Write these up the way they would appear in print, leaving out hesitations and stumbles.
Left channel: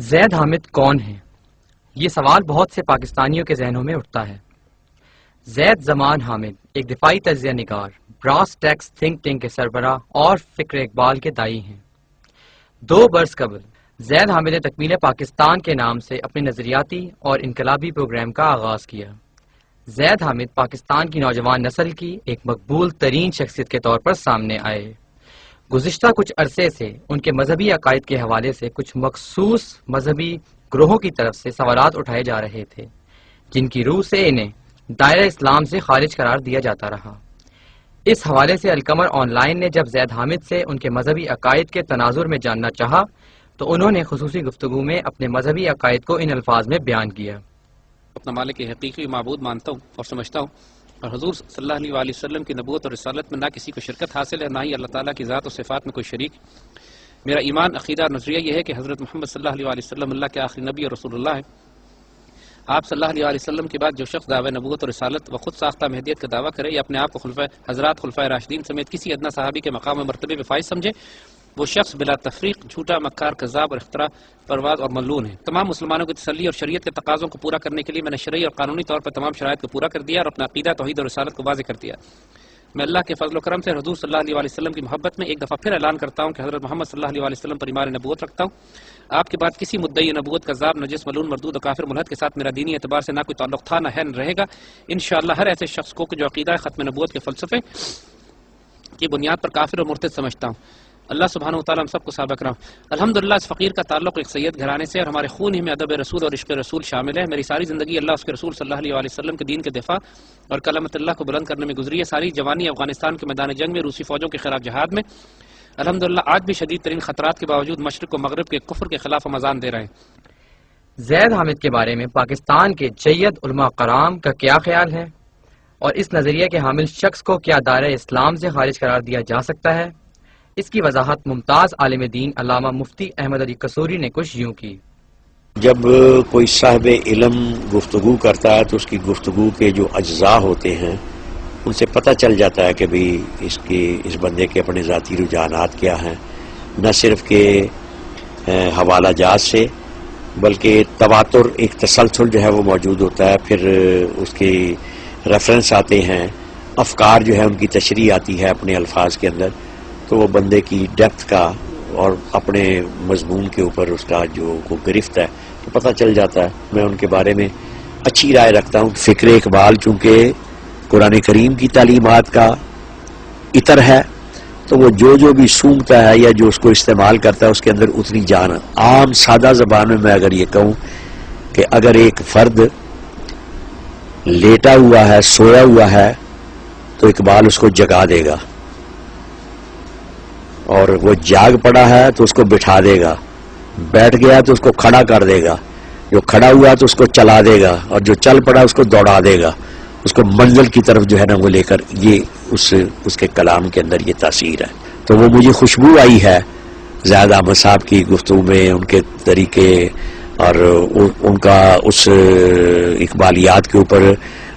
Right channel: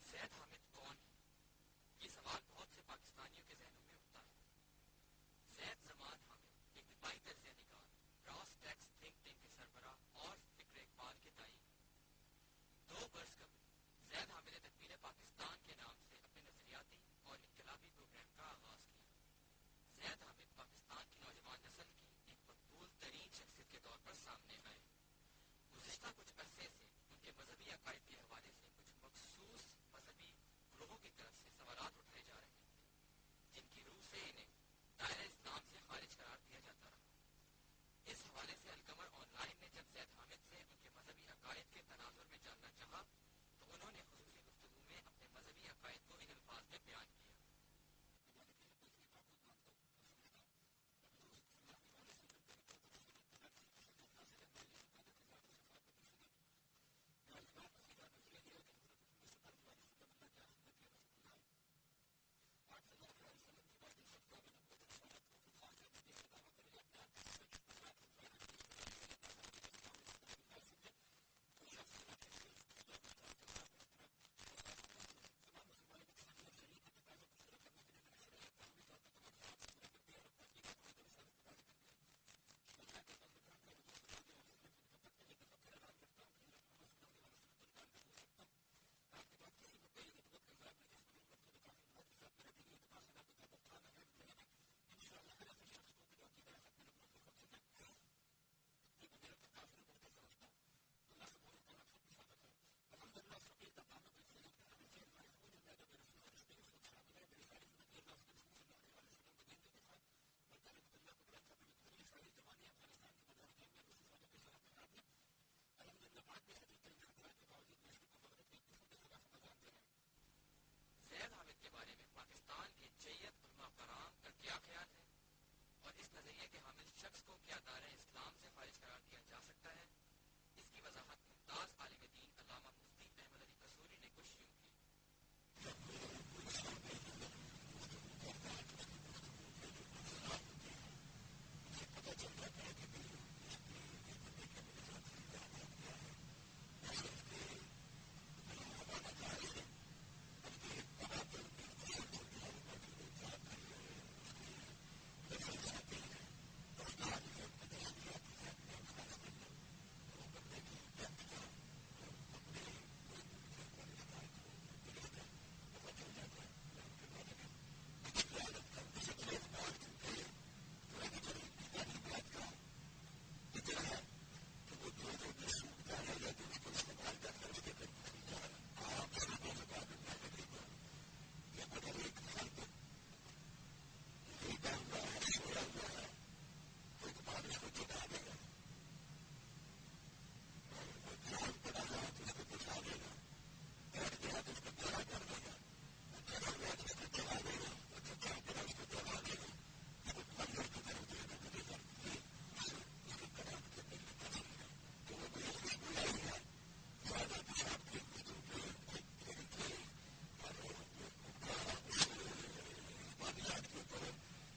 زید حامد کون ہیں؟ یہ سوال بہت سے پاکستانیوں کے ذہنوں میں اٹھتا ہے۔ زید زمان حامد ایک دفاعی تجزیہ نگار، براس ٹیکس تھنک ٹینک کے سربراہ اور فکر اقبال کے داعی ہیں۔ 2 برس قبل زید حامد نے تکمیل پاکستان کے نام سے اپنے نظریاتی اور انقلابی پروگرام کا آغاز کیا۔ زید حامد پاکستان کی نوجوان نسل کی ایک مقبول ترین شخصیت کے طور پر سامنے آئے۔ گزشتہ کچھ عرصے سے ان کے مذہبی عقائد کے حوالے سے کچھ مخصوص مذہبی گروہوں کی طرف سے سوالات اٹھائے جا رہے تھے، جن کی روح سے انہیں دائرہ اسلام سے خارج قرار دیا جاتا رہا۔ اس حوالے سے القمر آن لائن نے جب زید حامد سے ان کے مذہبی عقائد کے تناظر میں جاننا چاہا تو انہوں نے خصوصی گفتگو میں اپنے مذہبی عقائد کو ان الفاظ میں بیان کیا۔ اپنا مالک حقیقی معبود مانتا ہوں اور سمجھتا ہوں، اور حضور صلی اللہ علیہ وآلہ وسلم کی نبوت اور رسالت میں نہ کسی کو شرکت حاصل ہے، نہ ہی اللہ تعالیٰ کی ذات و صفات میں کوئی شریک۔ میرا ایمان، عقیدہ اور نظریہ یہ ہے کہ حضرت محمد صلی اللہ علیہ وآلہ وسلم اللہ کے آخری نبی اور رسول اللہ ہے۔ آپ صلی اللہ علیہ وآلہ وسلم کے بعد جو شخص دعوی نبوت اور رسالت و خود ساختہ مہدیت کا دعویٰ کرے یا اپنے آپ کو خلفائے راشدین سمیت کسی ادنا صحابی کے مقام و مرتبے پہ فائز سمجھے، وہ شخص بلا تفریق جھوٹا، مکار، کذاب اور اختراع پرواز اور ملعون ہے۔ تمام مسلمانوں کی تسلی اور شریعت کے تقاضوں کو پورا کرنے کے لیے میں نے شرعی اور قانونی طور پر تمام شرائط کو پورا کر دیا اور اپنا عقیدہ، توحید اور رسالت کو واضح کر دیا۔ میں اللہ کے فضل و کرم سے حضور صلی اللہ علیہ وآلہ وسلم کی محبت میں ایک دفعہ پھر اعلان کرتا ہوں کہ حضرت محمد صلی اللہ علیہ وآلہ وسلم پر ایمان نبوت رکھتا ہوں۔ آپ کے بعد کسی مدعی نبوت، کذاب، نجس، ملعون، مردود اور کافر ملحد کے ساتھ میرا دینی اعتبار سے نہ کوئی تعلق تھا، نہ ہے، نہ رہے گا۔ انشاءاللہ ہر ایسے شخص کو جو عقیدہ ختم نبوت کے فلسفے کی بنیاد پر کافر اور مرتد سمجھتا ہوں۔ اللہ سبحانہ و تعالیٰ ہم سب کو ثابت رہا۔ الحمدللہ اس فقیر کا تعلق ایک سید گھرانے سے اور ہمارے خون ہی میں ادب رسول اور عشق رسول شامل ہے۔ میری ساری زندگی اللہ اس کے رسول صلی اللہ علیہ وآلہ وسلم کے دین کے دفاع اور کلمت اللہ کو بلند کرنے میں گزری ہے۔ ساری جوانی افغانستان کے میدان جنگ میں، روسی فوجوں کے خلاف جہاد میں۔ الحمدللہ آج بھی شدید ترین خطرات کے باوجود مشرق و مغرب کے کفر کے خلاف ہم اذان دے رہے ہیں۔ زید حامد کے بارے میں پاکستان کے جید علماء کرام کا کیا خیال ہے، اور اس نظریے کے حامل شخص کو کیا دائرہ اسلام سے خارج قرار دیا جا سکتا ہے؟ اس کی وضاحت ممتاز عالم دین علامہ مفتی احمد علی قصوری نے کچھ یوں کی۔ جب کوئی صاحب علم گفتگو کرتا ہے تو اس کی گفتگو کے جو اجزاء ہوتے ہیں ان سے پتہ چل جاتا ہے کہ بھی اس بندے کے اپنے ذاتی رجحانات کیا ہیں، نہ صرف کہ حوالہ جات سے بلکہ تواتر، ایک تسلسل جو ہے وہ موجود ہوتا ہے، پھر اس کی ریفرنس آتے ہیں، افکار جو ہے ان کی تشریح آتی ہے اپنے الفاظ کے اندر، تو وہ بندے کی ڈیپتھ کا اور اپنے مضمون کے اوپر اس کا جو گرفت ہے تو پتہ چل جاتا ہے۔ میں ان کے بارے میں اچھی رائے رکھتا ہوں۔ فکر اقبال چونکہ قرآن کریم کی تعلیمات کا عطر ہے تو وہ جو بھی سونگتا ہے یا جو اس کو استعمال کرتا ہے اس کے اندر اتنی جان۔ عام سادہ زبان میں اگر یہ کہوں کہ اگر ایک فرد لیٹا ہوا ہے، سویا ہوا ہے، تو اقبال اس کو جگا دے گا، اور وہ جاگ پڑا ہے تو اس کو بٹھا دے گا، بیٹھ گیا تو اس کو کھڑا کر دے گا، جو کھڑا ہوا تو اس کو چلا دے گا، اور جو چل پڑا اس کو دوڑا دے گا، اس کو منزل کی طرف جو ہے نا وہ لے کر۔ یہ اس کے کلام کے اندر یہ تاثیر ہے۔ تو وہ مجھے خوشبو آئی ہے زید احمد صاحب کی گفتگو میں، ان کے طریقے اور ان کا اس اقبالیات کے اوپر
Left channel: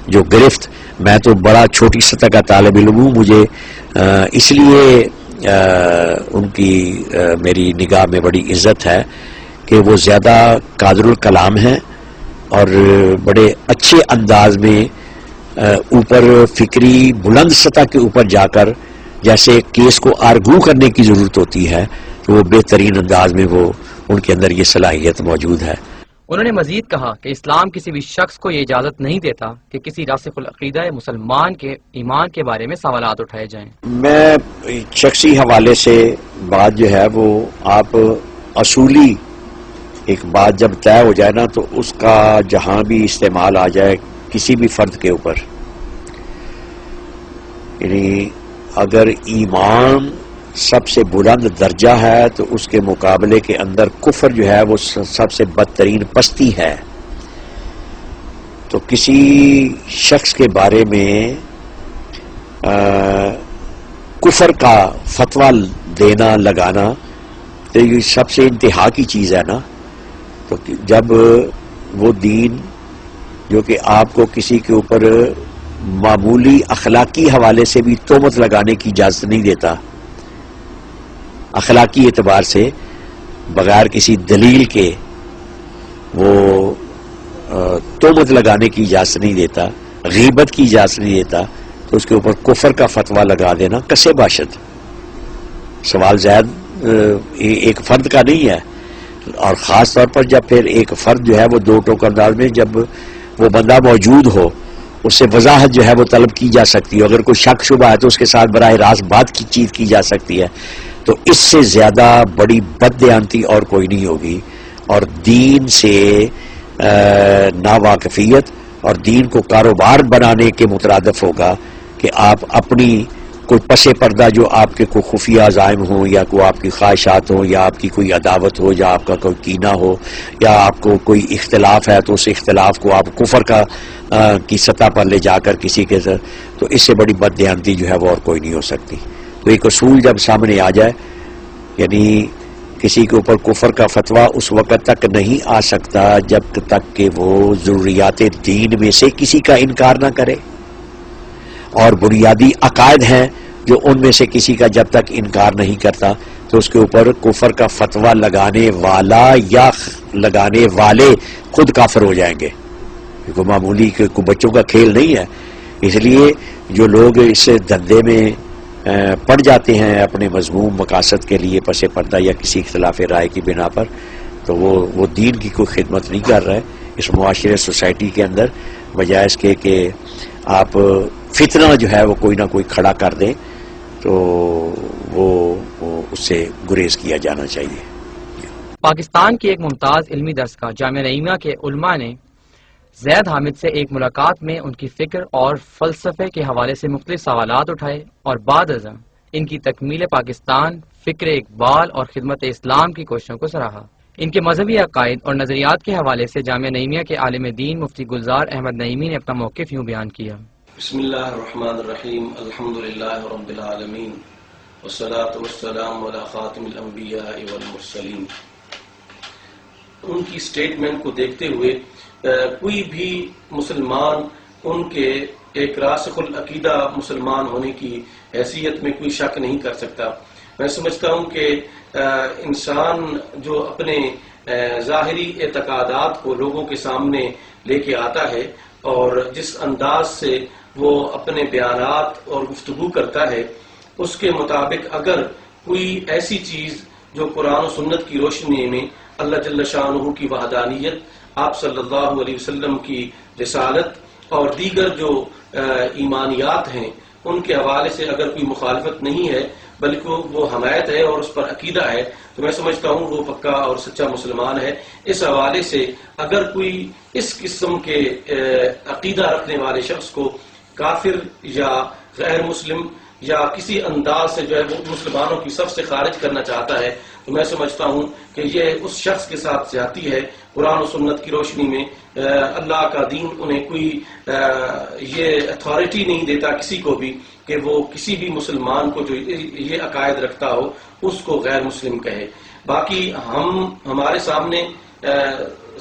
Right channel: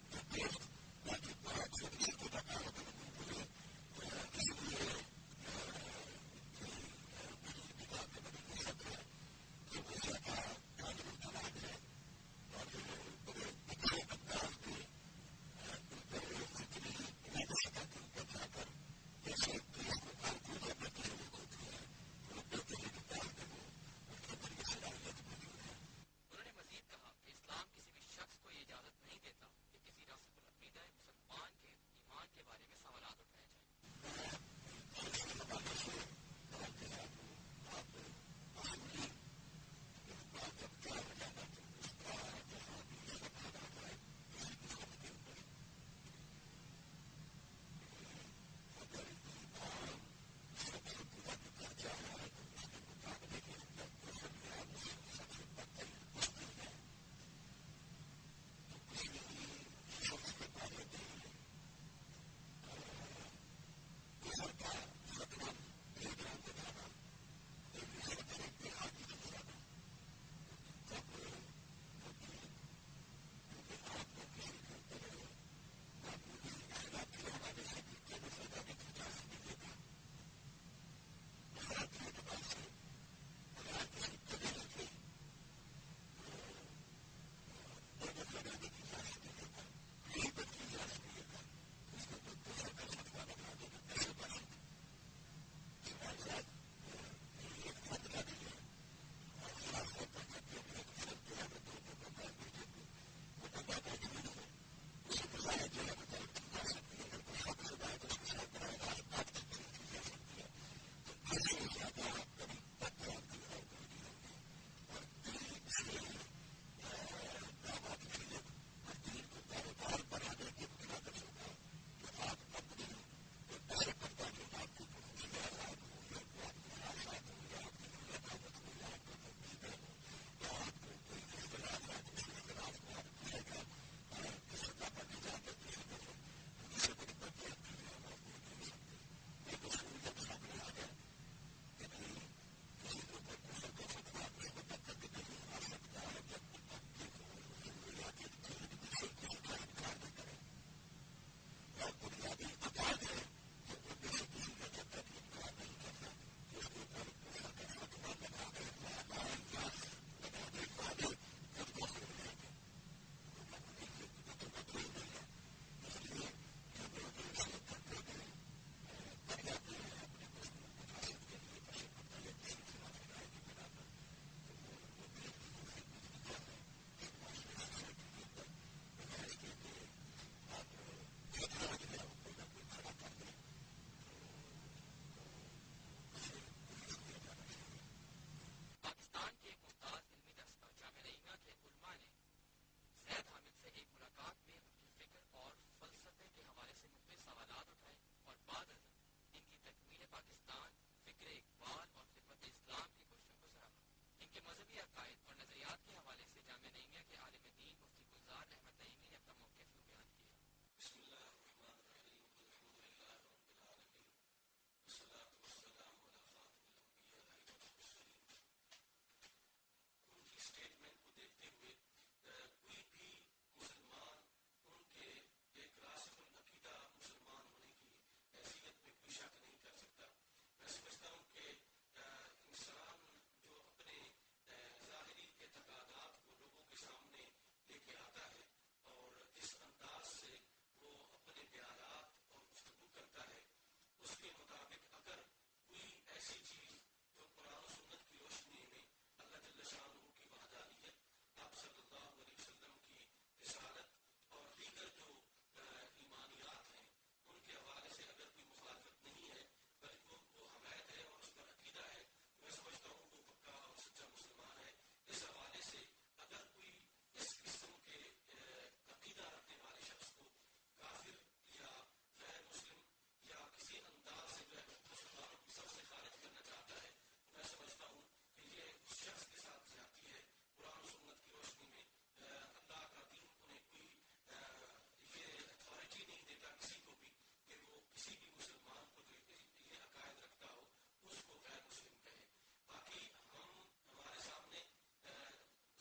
جو گرفت۔ میں تو بڑا چھوٹی سطح کا طالب علم ہوں، مجھے اس لیے ان کی میری نگاہ میں بڑی عزت ہے کہ وہ زیادہ قادر الکلام ہیں اور بڑے اچھے انداز میں اوپر فکری بلند سطح کے اوپر جا کر جیسے کیس کو آرگو کرنے کی ضرورت ہوتی ہے تو وہ بہترین انداز میں وہ ان کے اندر یہ صلاحیت موجود ہے۔ انہوں نے مزید کہا کہ اسلام کسی بھی شخص کو یہ اجازت نہیں دیتا کہ کسی راسخ العقیدہ مسلمان کے ایمان کے بارے میں سوالات اٹھائے جائیں۔ میں شخصی حوالے سے بات جو ہے وہ آپ اصولی ایک بات جب طے ہو جائے نا تو اس کا جہاں بھی استعمال آ جائے کسی بھی فرد کے اوپر، یعنی اگر ایمان سب سے بلند درجہ ہے تو اس کے مقابلے کے اندر کفر جو ہے وہ سب سے بدترین پستی ہے، تو کسی شخص کے بارے میں کفر کا فتویٰ دینا، لگانا تو یہ سب سے انتہا کی چیز ہے نا۔ تو جب وہ دین جو کہ آپ کو کسی کے اوپر معمولی اخلاقی حوالے سے بھی تہمت لگانے کی اجازت نہیں دیتا، اخلاقی اعتبار سے بغیر کسی دلیل کے وہ تہمت لگانے کی اجازت نہیں دیتا، غیبت کی اجازت نہیں دیتا، تو اس کے اوپر کفر کا فتویٰ لگا دینا کسے باشد. سوال زید ایک فرد کا نہیں ہے، اور خاص طور پر جب پھر ایک فرد جو ہے وہ دو ٹوک انداز میں جب وہ بندہ موجود ہو، اس سے وضاحت جو ہے وہ طلب کی جا سکتی ہے. اگر کوئی شک شبہ ہے تو اس کے ساتھ براہ راست بات کی چیت کی جا سکتی ہے. تو اس سے زیادہ بڑی بددیانتی اور کوئی نہیں ہوگی، اور دین سے ناواقفیت اور دین کو کاروبار بنانے کے مترادف ہوگا کہ آپ اپنی کوئی پس پردہ جو آپ کے کوئی خفیہ عزائم ہوں، یا کوئی آپ کی خواہشات ہوں، یا آپ کی کوئی عداوت ہو، یا آپ کا کوئی کینہ ہو، یا آپ کو کوئی اختلاف ہے، تو اس اختلاف کو آپ کفر کی سطح پر لے جا کر کسی کے ساتھ، تو اس سے بڑی بددیانتی جو ہے وہ اور کوئی نہیں ہو سکتی. تو ایک اصول جب سامنے آ جائے، یعنی کسی کے اوپر کفر کا فتویٰ اس وقت تک نہیں آ سکتا جب تک کہ وہ ضروریات دین میں سے کسی کا انکار نہ کرے، اور بنیادی عقائد ہیں جو ان میں سے کسی کا جب تک انکار نہیں کرتا تو اس کے اوپر کفر کا فتویٰ لگانے والا یا لگانے والے خود کافر ہو جائیں گے. کوئی معمولی کوئی بچوں کا کھیل نہیں ہے. اس لیے جو لوگ اس دھندے میں پڑ جاتے ہیں اپنے مذموم مقاصد کے لیے پس پردہ یا کسی اختلاف رائے کی بنا پر، تو وہ دین کی کوئی خدمت نہیں کر رہے اس معاشرے سوسائٹی کے اندر، بجائے اس کے کہ آپ فتنہ جو ہے وہ کوئی نہ کوئی کھڑا کر دیں، تو وہ اس سے گریز کیا جانا چاہیے. پاکستان کی ایک ممتاز علمی درس کا جامعہ نعیمہ کے علماء نے زید حامد سے ایک ملاقات میں ان کی فکر اور فلسفے کے حوالے سے مختلف سوالات اٹھائے، اور بعد ازاں ان کی تکمیل پاکستان، فکر اقبال اور خدمت اسلام کی کوششوں کو سراہا. ان کے مذہبی عقائد اور نظریات کے حوالے سے جامعہ نعیمیہ کے عالم دین مفتی گلزار احمد نعیمی نے اپنا موقف یوں بیان کیا. بسم اللہ الرحمن الرحیم، الحمدللہ رب العالمین، والصلاة والسلام علی خاتم الانبیاء والمرسلین. ان کی سٹیٹمنٹ کو دیکھتے ہوئے کوئی بھی مسلمان ان کے ایک راسخ العقیدہ مسلمان ہونے کی حیثیت میں کوئی شک نہیں کر سکتا. میں سمجھتا ہوں کہ انسان جو اپنے ظاہری اعتقادات کو لوگوں کے سامنے لے کے آتا ہے اور جس انداز سے وہ اپنے بیانات اور گفتگو کرتا ہے، اس کے مطابق اگر کوئی ایسی چیز جو قرآن و سنت کی روشنی میں اللہ جل شانہ کی وحدانیت، آپ صلی اللہ علیہ وسلم کی رسالت اور دیگر جو ایمانیات ہیں ان کے حوالے سے اگر کوئی مخالفت نہیں ہے بلکہ وہ حمایت ہے اور اس پر عقیدہ ہے، تو میں سمجھتا ہوں وہ پکا اور سچا مسلمان ہے. اس حوالے سے اگر کوئی اس قسم کے عقیدہ رکھنے والے شخص کو کافر یا غیر مسلم یا کسی انداز سے جو ہے وہ مسلمانوں کی صف سے خارج کرنا چاہتا ہے، تو میں سمجھتا ہوں کہ یہ اس شخص کے ساتھ زیادتی ہے. قرآن و سنت کی روشنی میں اللہ کا دین انہیں کوئی یہ اتھارٹی نہیں دیتا کسی کو بھی کہ وہ کسی بھی مسلمان کو جو یہ عقائد رکھتا ہو اس کو غیر مسلم کہے. باقی ہمارے سامنے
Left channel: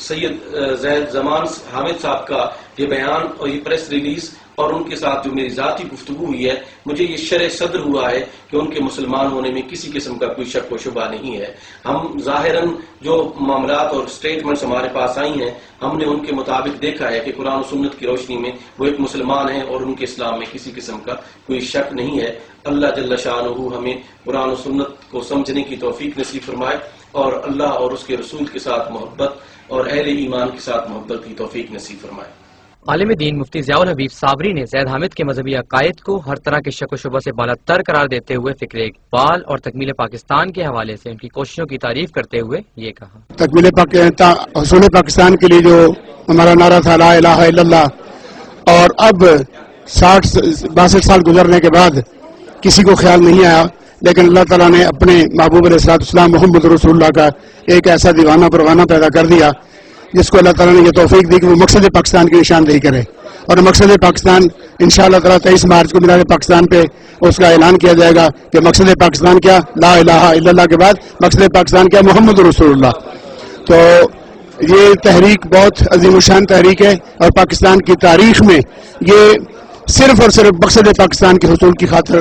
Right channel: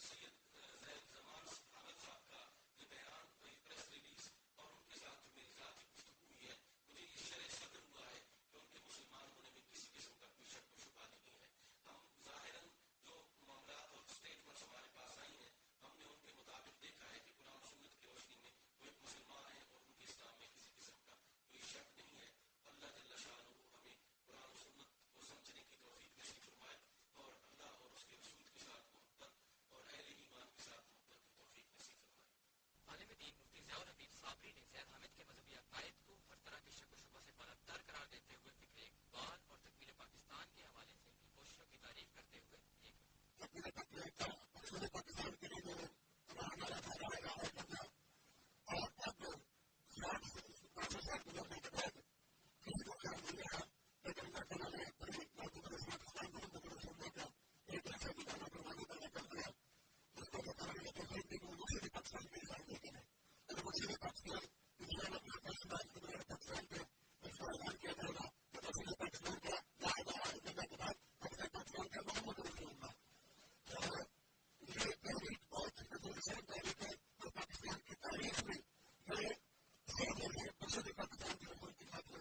سید زید زمان حامد صاحب کا یہ بیان اور یہ پریس ریلیز اور ان کے ساتھ جو میری ذاتی گفتگو ہوئی ہے، مجھے یہ شرح صدر ہوا ہے کہ ان کے مسلمان ہونے میں کسی قسم کا کوئی شک و شبہ نہیں ہے. ہم ظاہراً جو معاملات اور سٹیٹمنٹس ہمارے پاس آئی ہیں، ہم نے ان کے مطابق دیکھا ہے کہ قرآن و سنت کی روشنی میں وہ ایک مسلمان ہیں اور ان کے اسلام میں کسی قسم کا کوئی شک نہیں ہے. اللہ جل شانہ ہمیں قرآن و سنت کو سمجھنے کی توفیق نصیب فرمائے، اور اللہ اور اس کے رسول کے ساتھ محبت اور اہل ایمان کے ساتھ محبت کی توفیق نصیب فرمائے. عالم دین مفتی ضیاء الحبیب صابری نے زید حامد کے مذہبی عقائد کو ہر طرح کے شک و شبہ سے بالاتر قرار دیتے ہوئے فکر اقبال اور تکمیل پاکستان کے حوالے سے ان کی کوششوں کی تعریف کرتے ہوئے یہ کہا. تکمیل حصول پاکستان کے لیے جو ہمارا نعرہ تھا لا الہ الا اللہ، اور اب 62 سال گزرنے کے بعد کسی کو خیال نہیں آیا، لیکن اللہ تعالیٰ نے اپنے محبوب علیہ السلام محمد رسول اللہ کا ایک ایسا دیوانہ پروانہ پیدا کر دیا جس کو اللہ تعالیٰ نے یہ توفیق دی کہ وہ مقصد پاکستان کی نشاندہی کرے. اور مقصد پاکستان انشاءاللہ تعالیٰ 23 مارچ کو مینار پاکستان پہ اس کا اعلان کیا جائے گا کہ مقصد پاکستان کیا، لا الہ الا اللہ کے بعد مقصد پاکستان کیا، محمد رسول اللہ. تو یہ تحریک بہت عظیم الشان تحریک ہے، اور پاکستان کی تاریخ میں یہ صرف اور صرف مقصد پاکستان کے حصول کی خاطر